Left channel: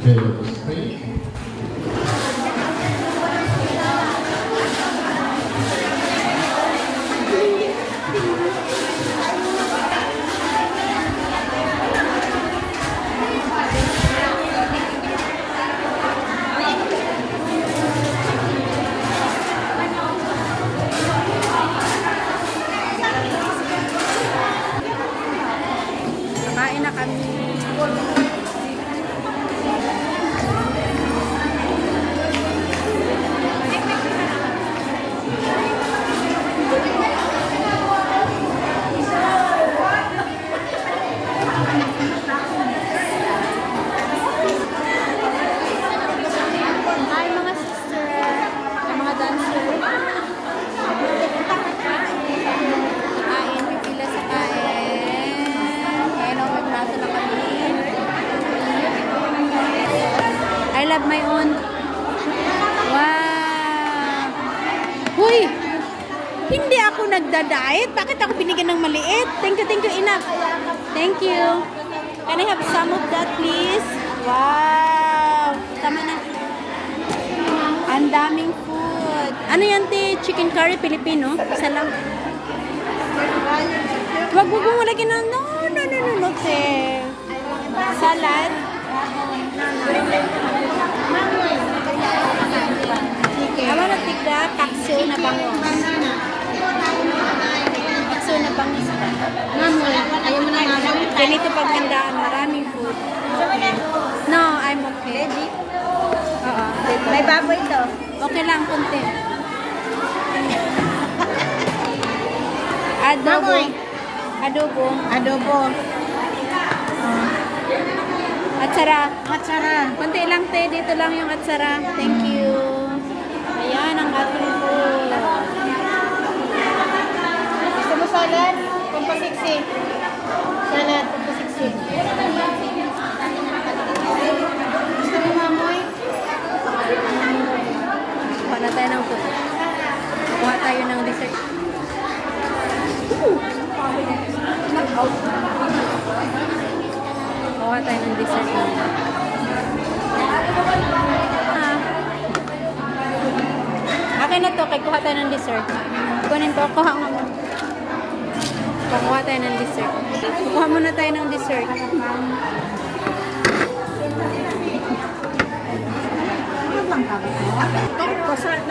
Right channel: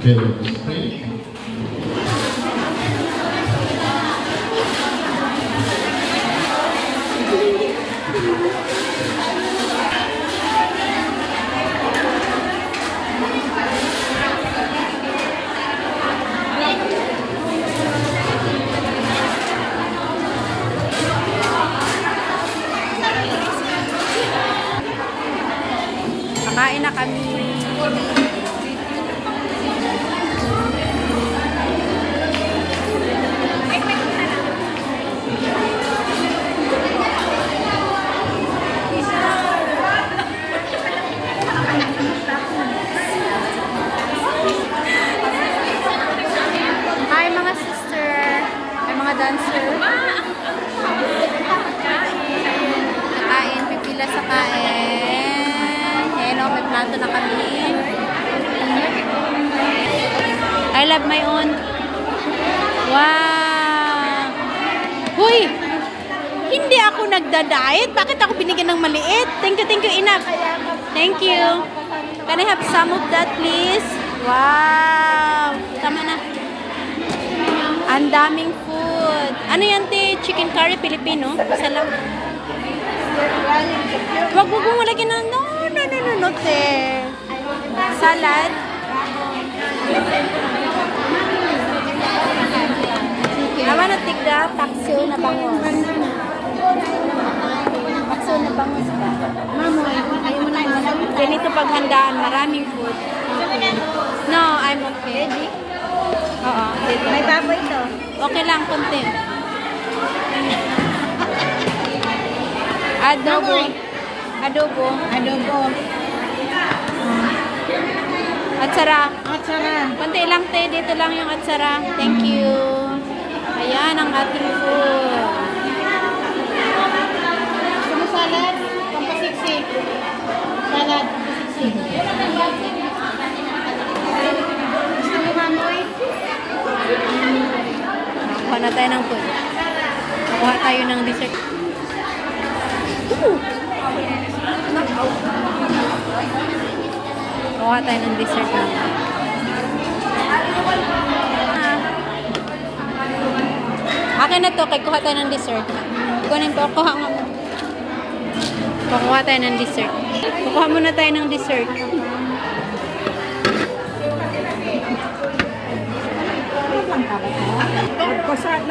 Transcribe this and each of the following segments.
Okay, stay. Kakain na kami. Hi mga sister, ay mga dancer. Kain, pipila sa kain. Hello, may plato na kami. I love my own. Wow! Huy! Hindi ako nagda-diet. Bakit ako binigyan ng maliit? Thank you, enough. Thank you. Can I have some of that, please? Wow! Tama na. Ang daming food. Ano yan, te? Chicken curry, Filipino? Salam. Wag mo lagyan ng no, te. Salad. I wanna take the takso na bangos. Takso na bangos ba? Ganito paghandaan, maraming food. No, I'm okay. Ready? Oo. May baboy ito. Okay lang, konti. Adobo. Adobo. Adobo. Atsara. Atsara. Konti lang, te. Dito lang yung atsara. Thank you. Ayan ang ating food. Gusto mo salad? Pampasiksi. Salad. Pampasiksi. Gusto mo mamoy? Kuha na tayo ng food. Kuha tayo ng dessert. Kuha tayo ng dessert naman. Akin na to, kay kuha tayo ng dessert. Kunin ko, kuha nga mo. Kuha tayo ng dessert. Kuha muna tayo ng dessert.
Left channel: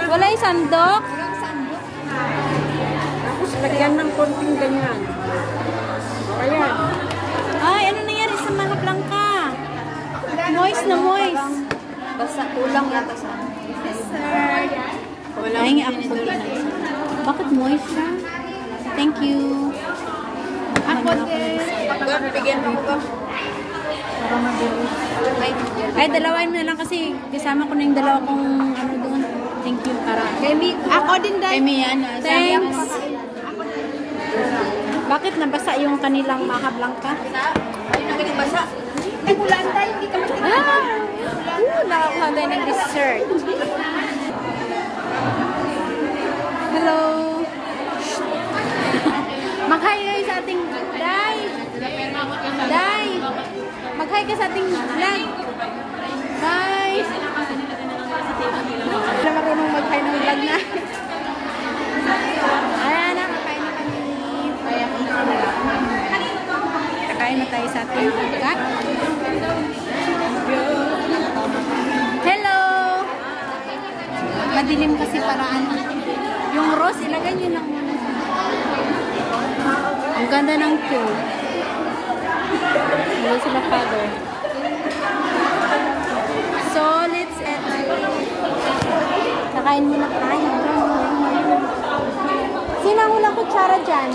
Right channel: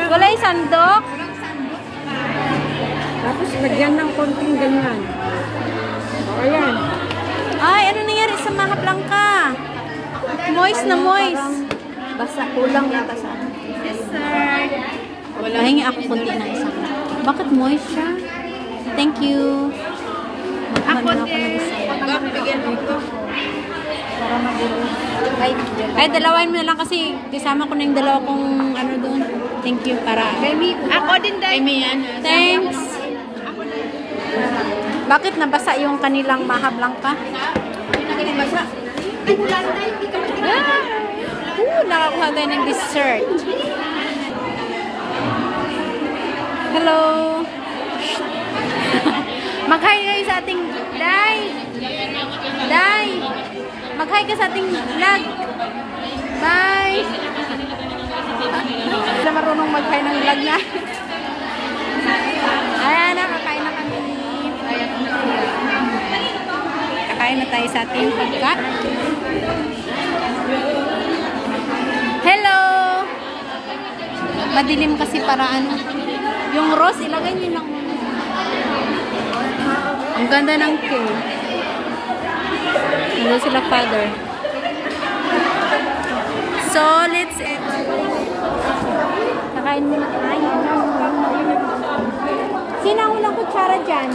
Wala yung sandok? Tapos lagyan ng konting ganyan. Ayan. Ay, ano nangyari sa Mahaplanca? Moist na moist. Basta kulang yata sa Pahingi ako kunti na isang. Bakit moist siya? Thank you. Ako din. para mabilis. Ay, dalawain mo na lang kasi kasama ko na yung dalawa kong ano doon. Thank you para. Baby, ako din dahil. Ay, yan. Thanks. Bakit nabasa yung kanilang Mahaplanca? Ay, nagkakabasa. Ay, ulan dahil hindi ka magkakabasa. Nakakuha tayo ng dessert. Hello. Mag-hi kayo sa ating Day. Day. Mag-hi ka sa ating vlog. Bye. Wala marunong mag-hi ng vlog na. Ayan na, kakain na kami. Kakain na tayo sa ating pagkat. Hello. Madilim kasi para ano. Yung rose, ilagay niyo lang muna. Ang ganda ng pool. Hello sila, father. So, let's eat. Kakain mo na. Sino ang ulang kutsara dyan?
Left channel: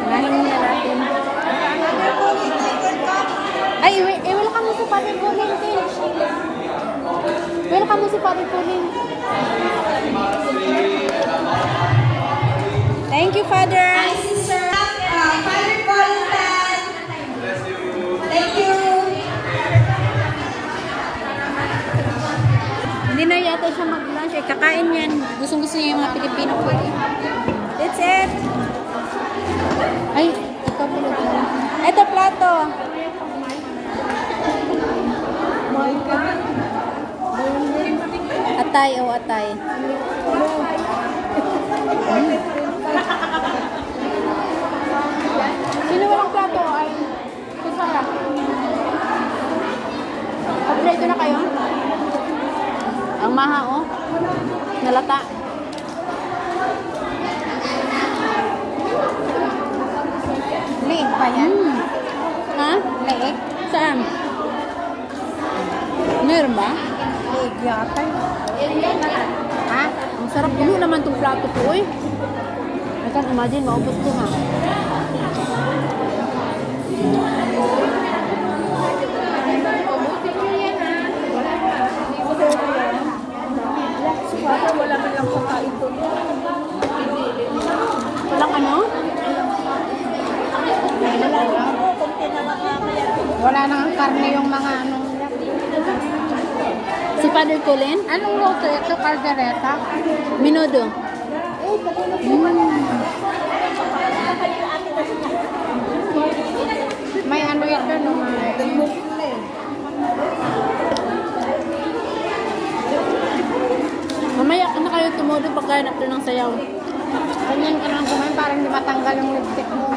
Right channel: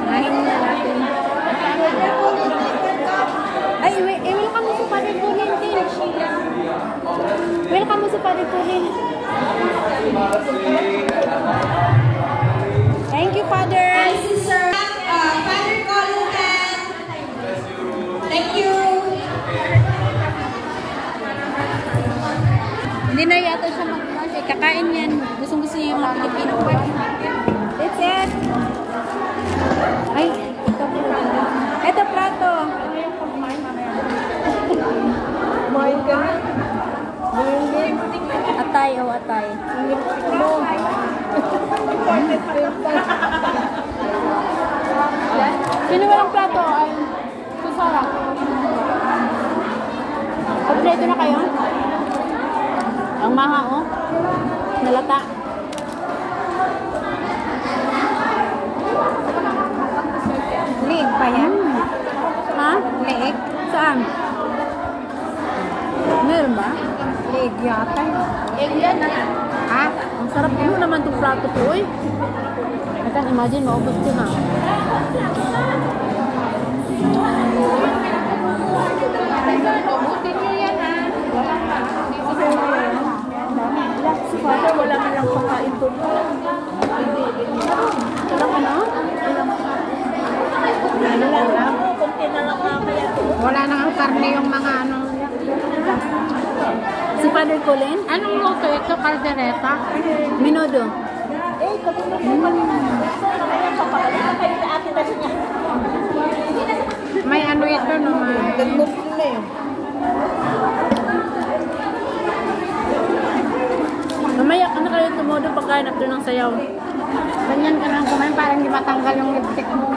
Kakain mo na natin. Ay, welcome mo si Father Colin din. Welcome mo si Father Colin. Thank you, Father. Hi, Sister. Father Colin. Thank you. Hindi na yata siya mag-lunch. Eh, kakain yan. Gusto niya yung mga Pilipino food. That's it. Ay, ikaw pala. Ito, Atay, oh, atay. Sino walang plato? Ay, kusara. Kompleto na kayo? Ang maha, oh. Nalata. Leeg pa yan? Ha? Leeg? Saan? Meron ba? Leeg yata yun. Egg yan. Ha? Ang sarap puno naman itong plato ko, eh. I can't imagine, maubos ko na. Wala na lang pagkain to. Walang ano? Wala na ang karne yung mga ano. Si Father Colin? Anong luto ito? Caldereta? Menudo. May ano ito no? May... Mamaya ka na kayo tumudo pagkain after ng sayaw. Ganyan ka lang kumain parang di matanggal yung lipstick mo.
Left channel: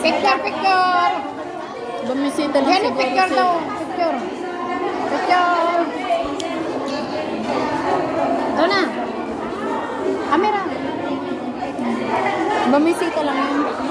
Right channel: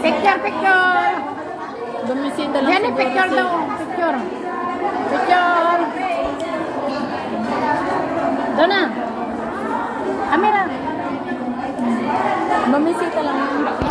Picture, picture! Bumisita lang Yan si eh, picture daw. Picture. Picture. Doon na. Camera. Bumisita lang yan.